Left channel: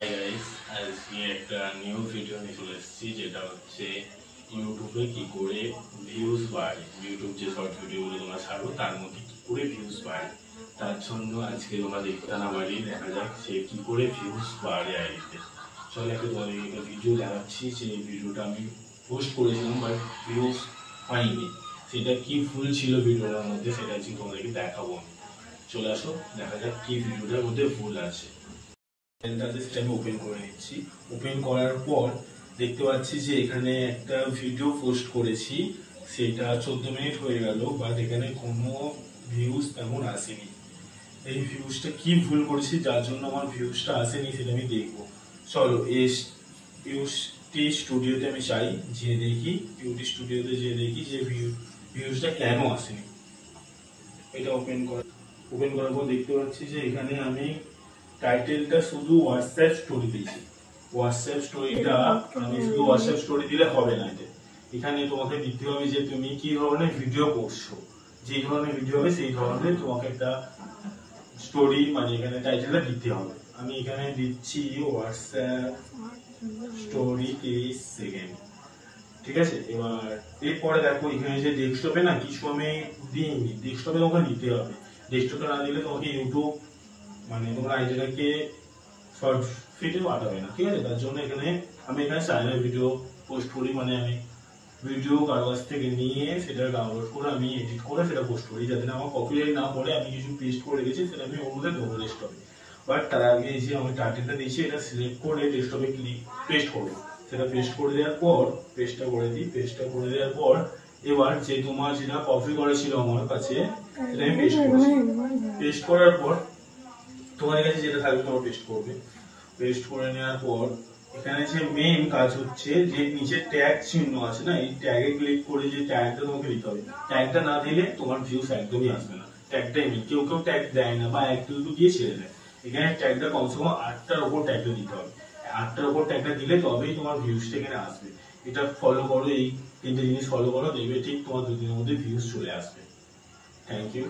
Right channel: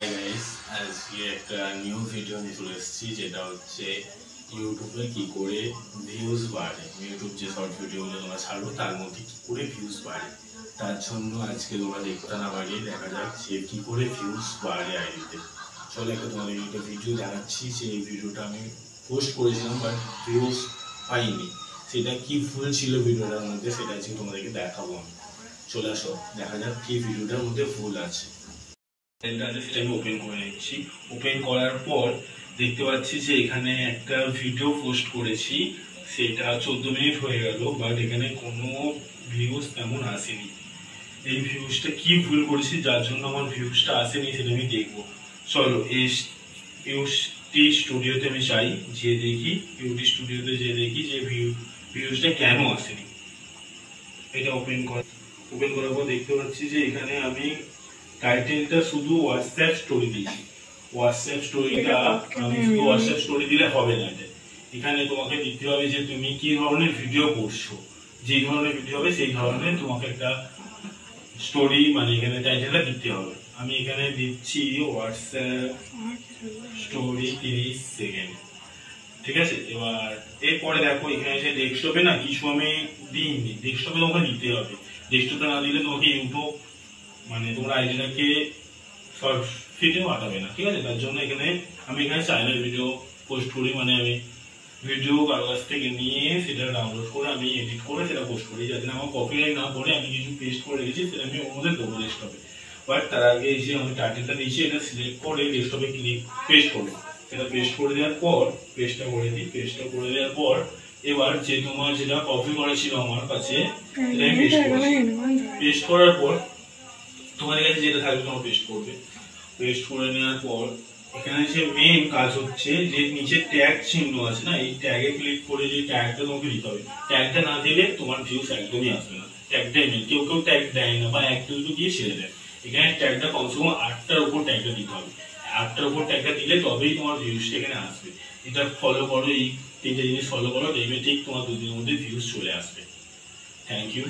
Hey guys, আজকে একটা new video নিয়ে চলে এসেছি, যেটা হচ্ছে ইউটিউবে কি করে ভিউজ বাড়ে। ইউটিউব যে শর্ট ভিডিওগুলো তোমরা ছাড়ো তার মধ্যে কি করে ভিউজ বাড়ে, তার জন্য আজকে তোমরা দেখতে না বাড়িয়ে দেখা যাক যে কি করে ভিউজ বাড়ে আইডিতে। চলে একটা তোমাদের একটা ভিডিও দেখাচ্ছি, যে ভিডিওটা আমি পোস্ট করেছিলাম বাট ভিউজ পাইনি। সেটা কি ফুল ছিল ভিডিওটার মধ্যে, সেটা আজকে তোমাদেরকে দেখাবো আমি। চলে আসো, দেখা যাক কি ভিডিওটার মধ্যে ভুল আছে। সেটা আমি ওপেন করে নিচ্ছি। ওপেন করার পর দেখতে পাচ্ছি যে এখানে একটা ভিডিও পোস্ট করেছি, সেটা 14 মিনিট হয়ে গেল, বাট এখানে কোনো ভিউজ তেমন আসেনি। এই ভিউজটা কি ভুল করেছি যার জন্য আমার ভিউজটা আসেনি সেটা আমি দেখবো। চলো ইউটি স্টুডিওতে আমি চাই, যে দেখি ইউটি স্টুডিওতে যে দেখি যে ভিউজটা কেন আসেনি। এটা ওপেন করার পর দেখতে পাচ্ছি যে এখানে আমি টাইটেলটা শুধু হোয়াটসঅ্যাপ স্টোরি দিয়েছি। হোয়াটসঅ্যাপ স্টোরিটা আমি শুধু হোয়াটসঅ্যাপ স্টোরি দিলে হবে না। এখানে তোমাকে দিতে হবে যে তুমি কি ধরনের ভিডিও করছো, যে ধরনের ভিডিও হবে সেই ধরনের তোমাকে একটা স্টোরি, মানে এখানে টাইটেলটা দিতে হবে। আমি এখানে দিচ্ছি হোয়াটসঅ্যাপ স্টোরি 30 সেকেন্ড। ঠিক আছে, এবার এরপরে দেখো এখানে যে ডেস্কটপে না কিছু আমি দিইনি, ডেস্কটপে তোমাকে দিতে হবে। ডেস্কটপে না দিলে তোমাকে ইউটিউব, মানে তোমরা আইডিটাকে শর্ট ফিডেও পাঠাবে না। ঠিক আছে, তার জন্য আমি এখানে চাইনার ভিডিও পোস্ট করি, মানে আমি ভিডিও কারো কাছ থেকে নিয়ে সেটা ডাউনলোড করে আমি এডিট করে সেটা পোস্ট করি, যাতে আমার কপিরাইট না পড়ে। আমি কিছু পেস্ট করে রেখেছি, সেটা আমি ওর মধ্যে দেবো ডেস্কটপে। বাট তার আগে যে আমি টাইটেলটা দিয়েছি এটা সিলেক্ট করে ডেস্কটপে পেস্ট করবো। সেটা পেস্ট করে দেওয়ার পর পেস্টটা করে দেওয়ার পর এবার যে তোমার যেটা কপি করা ছিল আমার কাছে, সেটা পেস্ট করেছি। পেস্ট করার পর তোমার কাছে যেটা থাকবে তোমার পেস্ট করবে। পেস্ট করে নেওয়ার পর এখানে যে মেইন কাজ হচ্ছে, যে নিচে ট্যাগ চিহ্ন আছে না, এই ট্যাগে ক্লিক করে যে ট্যাগটা তোমাকে দিতে হবে। ট্যাগটা না দিলে তোমার ভিউস একদমই আসবে না। ট্যাগটাই মেইন, কেউ কেউ ট্যাগ দেয় না বা এক দুটো দিয়ে ছেড়ে দেয়। এখানে ট্যাগটা কমসে কম 8টার উপর ট্যাগটা দিতে হবে। 8টার উপর ট্যাগটা দিলে তবেই তোমার ভিউসটা এখানে আসবে। এটা ফলো করো, এই তিনটে জিনিস ফলো করো, দেখবে ঠিক তোমার 2 দিনের মধ্যে ভিউস চলে আসবে। Thank you.